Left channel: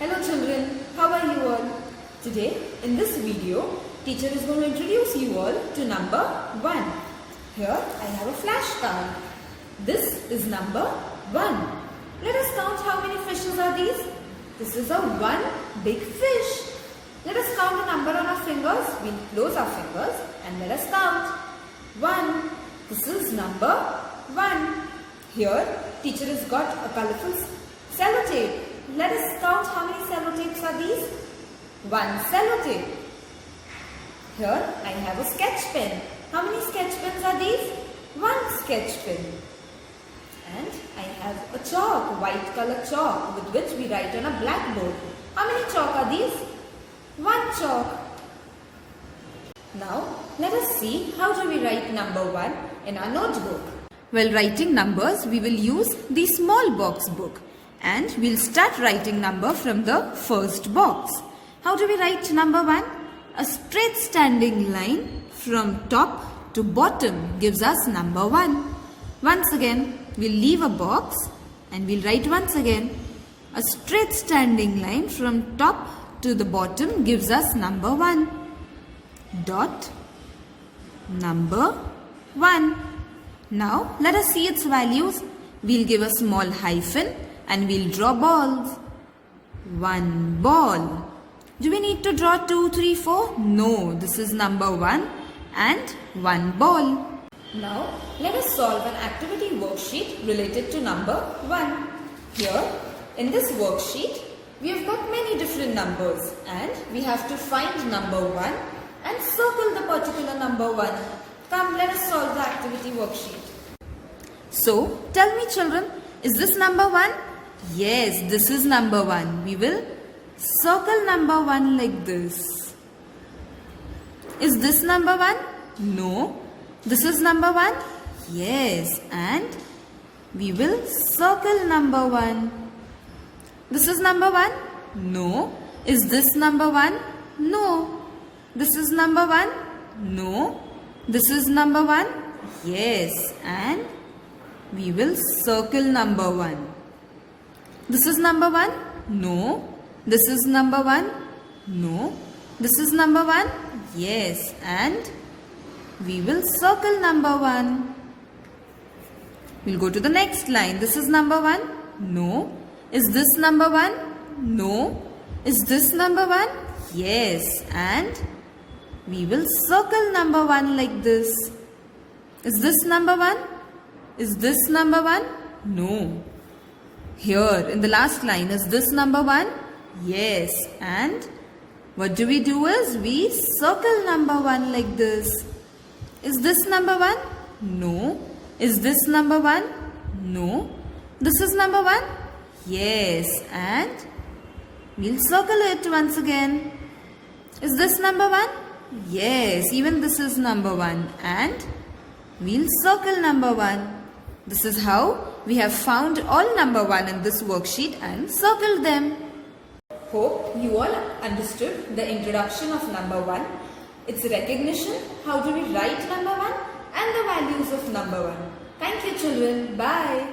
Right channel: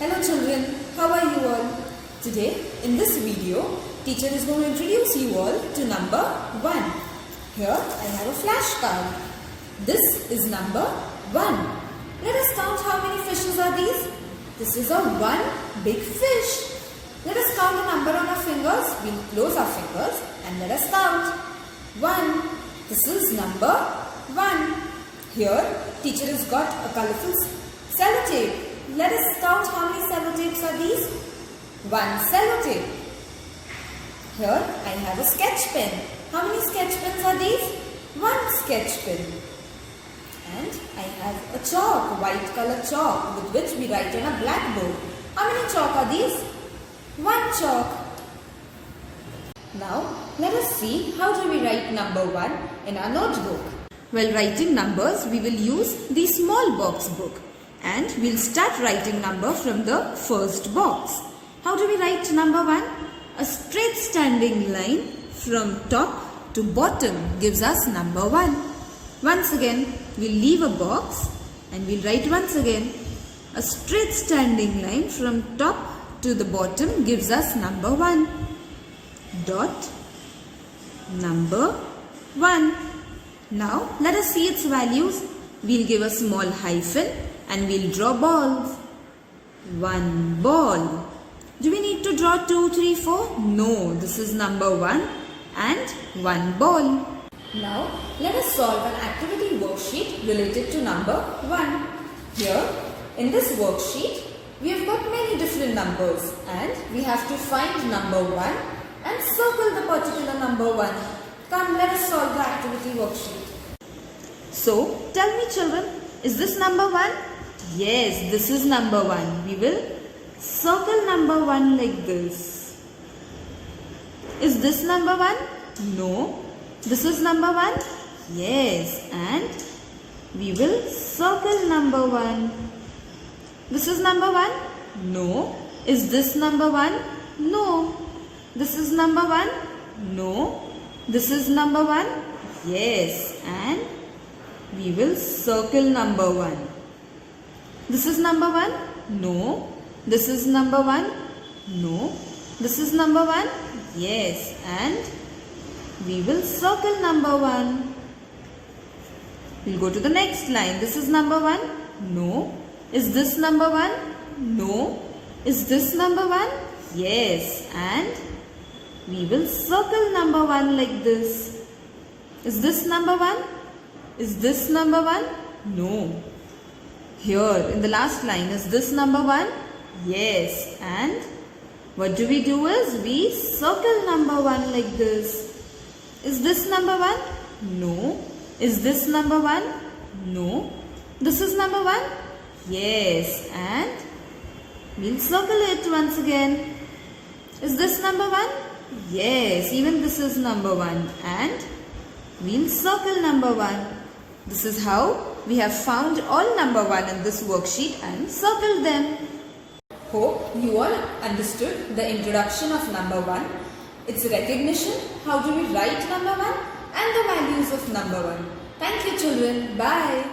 Hello children, how are you all? Today in this video, teacher is going to introduce you all to number 1. Here I have a flashcard. This is number 1. Let us count how many fishes are these. This is a one big fish. Let us count the number on our fingers. We'll close our fingers and let us count. 1. This is number 1. Here teacher has got a colorful sellotape. Let us count how many sellotapes are these. 1 sellotape. Here I have a sketch pen. How many sketch pens are these? 1 sketch pen. And I have a chalk, white color chalk with which we write on a blackboard. How many chalk are these? 1 chalk. Now let us see how do we write number 1 in our notebook. While writing numbers, we will use the small box book. And we'll start writing number from the first box. How do we write number 1? A straight standing line from top to bottom gives us number 1. Once again, we'll leave a box and we'll write once again. A straight standing line from top to the bottom gives us number 1. Dot number 1. Now let us see its values. We'll give a small hyphen and we'll draw balls. 1 ball. Do we need to draw 2, 3, 4? No, this is number 1 and 1 ball. Now let us solve an activity worksheet related to number 1. Here in this worksheet we have got many different numbers and we have to find number 1 and circle the particular number 1. Come, let us solve the activity worksheet. So tell me children, is this number 1? Yes, this is number 1. We will circle number 1 like this. Is this number 1? No. This is number 1? Yes. And we will circle number 1. This is number 1? No. Is this number 1? No. This is number 1? No. This is number 1? Yes. And we will circle number 1. This is number 1? No. This is number 1? No. This is number 1? Yes. And we will circle number 1. We'll go to the next line. This is number 1? No. Is this number 1? No. Is this number 1? Yes. And we will circle number 1 like this. Is this number 1? Is this number 1? No. Here in the last line, is this number 1? Yes. And what do we do is we circle number 1 like this. Is this number 1? No. Is this number 1? No. This is number 1? Yes. And we'll circle it once again. Is this number 1? Yes. Even this is number 1. And we'll circle number 1. This is how we have found all number 1 in this worksheet and circled them. Hope you all understood the introduction of number 1, its recognition, how do we write number 1 and the values of number 1. Thank you children. Bye.